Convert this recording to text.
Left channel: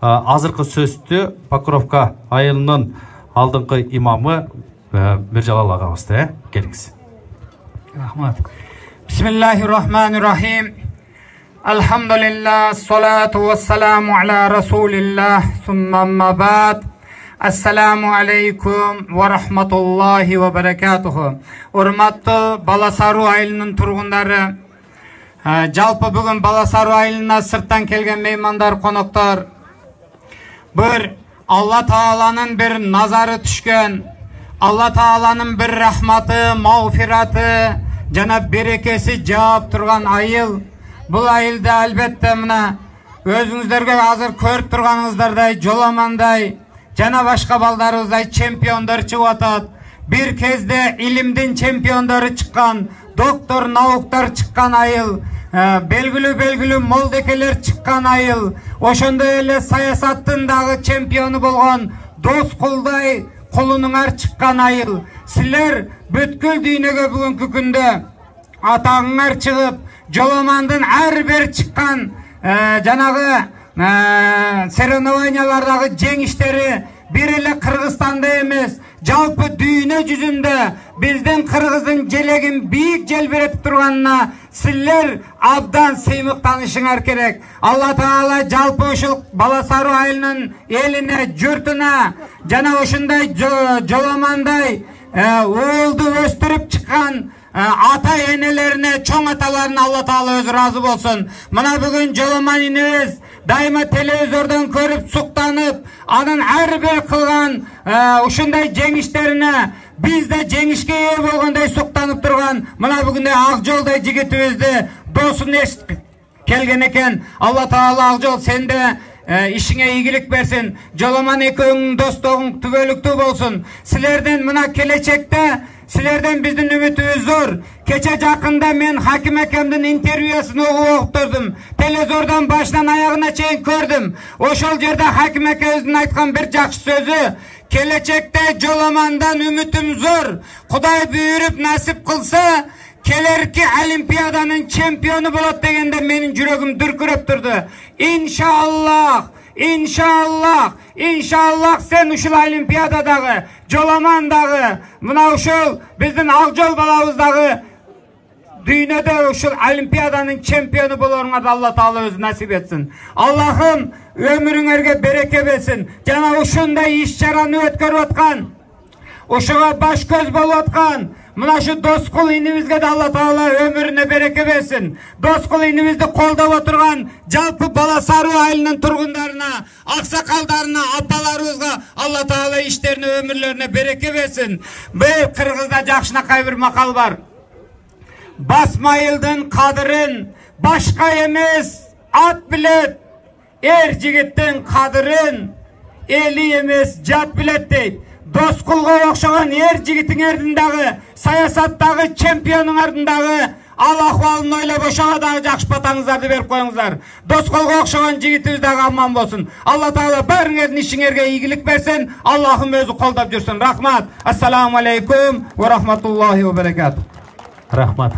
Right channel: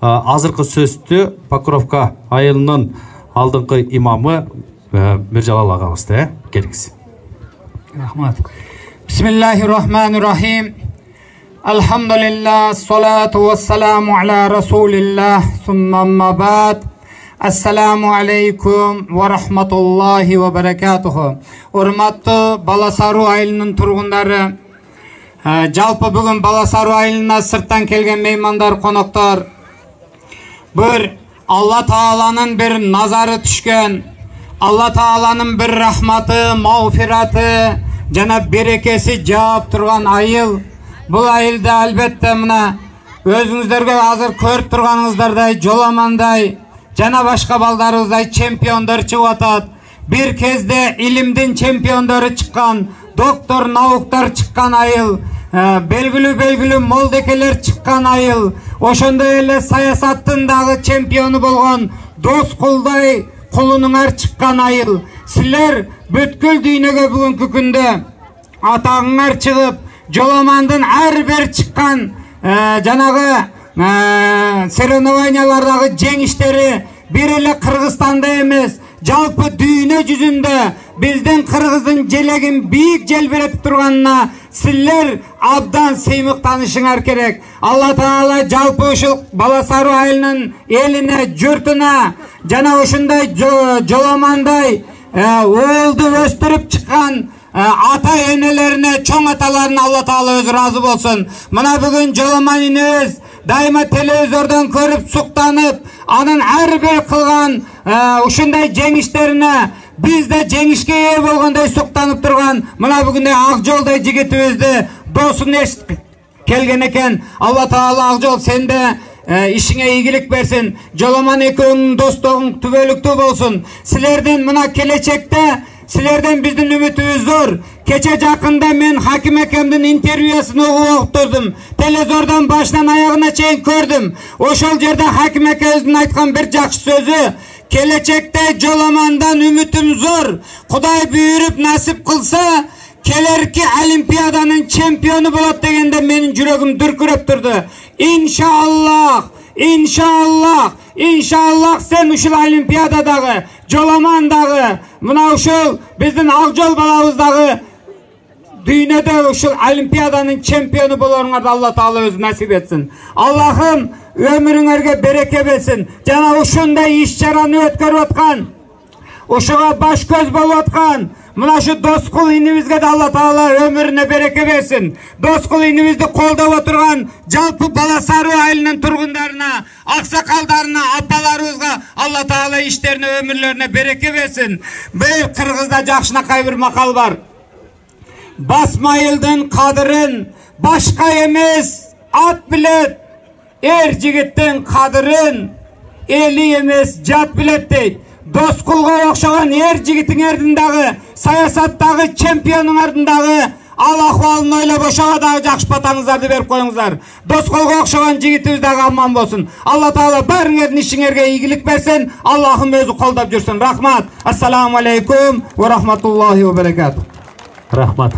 азыркы сөздү Покровка айылынын алдыңкы имамы Миржалал агабызды келиңиз. Рахмат. Бисмиллахиррахманиррахим. Алхамдулиллах, салату вассаламу аля расулиллах, сумма амма ба'д. Ассаламу алейкум ва рахматуллахи ва баракатуху. Урматтуу Баласаруу айылынын тургундары, жалпы бүгүн Баласаруу айылына сырттан келген меймандар, коноктор, bir Allah Taala'nın bir nazarı düşkön, Allah Taala'nın bir rahmatı, mağfiratı, jana berekesi jağıp turgan ayıl. Bu ayılda albatta mına özüңүздөргө азыр көрүп турганыңыздардай жоламандай жана башка балдарыбыздай чемпиондор чыгып атат. Bir кезде илимдин чемпиондору чыккан, доктор, науктар чыккан айыл, белгилүү молдекелер чыккан айыл, ошондой эле саясаттын дагы чемпиону болгон Доскулдай кулунуңар чыккан айыл. Силер бүткүл дүйнөгө бүгүнкү күндө атагыңар чыгып, жоламандын ар бир чыккан жанагы соревнованиялардагы жеңиштери bir эле Кыргызстанда эмес, жалпы дүйнө жүзүндө биздин Кыргыздын желегин бийик желбиретип турганына силер абдан сыймыктанышыңар керек. Алла Таала жалпы ушул Баласаруу айылынын элине, журтуна жана ушундай жоламандай оолду өстүрүп чыккан ата энелерине, чоң аталарына Алла Таала өзү ыраазы болсун. Мына бүгүн жоламан инебиз дайыма телевизордон көрүп суктанып, анын ар бир кылган ушундай жеңиштерине биз да жеңишке ээ болгондой суктанып турган мына бүгүндөй ак жолдой жигитибизди досун эшитип келген экен. Алла Таала ак жол сенде ишиңе ийгилик берсин. Жоламан экөөңүн достугуң түбөлүктүү болсун. Силердин мына келечекте силерден биздин үмүтүбүз зор. Кече жакында мен Хаким акемдин интервьюсун угуп турдум. Телевизордон башынан аягына чейин көрдүм. Ошол жерде Хаким акебиздин айткан бир жакшы сөзү: келечекте жоламандан үмүтүм зор. Кудай буйруп насип кылса, келерки олимпиаданын чемпиону болот дегенде менин жүрөгүм дүркүрөп турду. Иншаллах sen ушул олимпиададагы, жоламандагы, мына ушул биздин ак жол балабыздагы дүйнөдө ушул олимпиаданын чемпиону болоруңарды Алла Таала өзү насип этсин. Аллахым өмүрүңөргө береке берсин. Жана ушундай иш-чараны өткөрүп аткан, ушуга баш көз болуп аткан мына шу Доскул инибизге да Алла Таала өмүрүнө береке берсин. Доскул инибизди колдоп отурган жалпы Баласаруу айылынын тургундарына, аксакалдарына, апаларыбызга Алла Таала иштерине, өмүрлөрүнө береке берсин. Бул Кыргызда жакшынакай бир макал бар. Басма айылдын кадырын башка эмес ат билет, жигиттин кадырын эли эмес жат билет дейт. Доскулга окшогон жигитиңердин дагы, саясаттагы чемпионуңардын дагы ал акыбалын ойлоп ошого дагы жакшы батаңыздарды берип коюңуздар. Доскулга окшогон жигитибиз дагы аман болсун. Алла Таала баарыңардын ишиңерге ийгилик берсин. Аллахым өзү колдоп жүрсүн. Рахмат. Ассаламу алейкум ва рахматуллахи ва баракатух. Рахмат.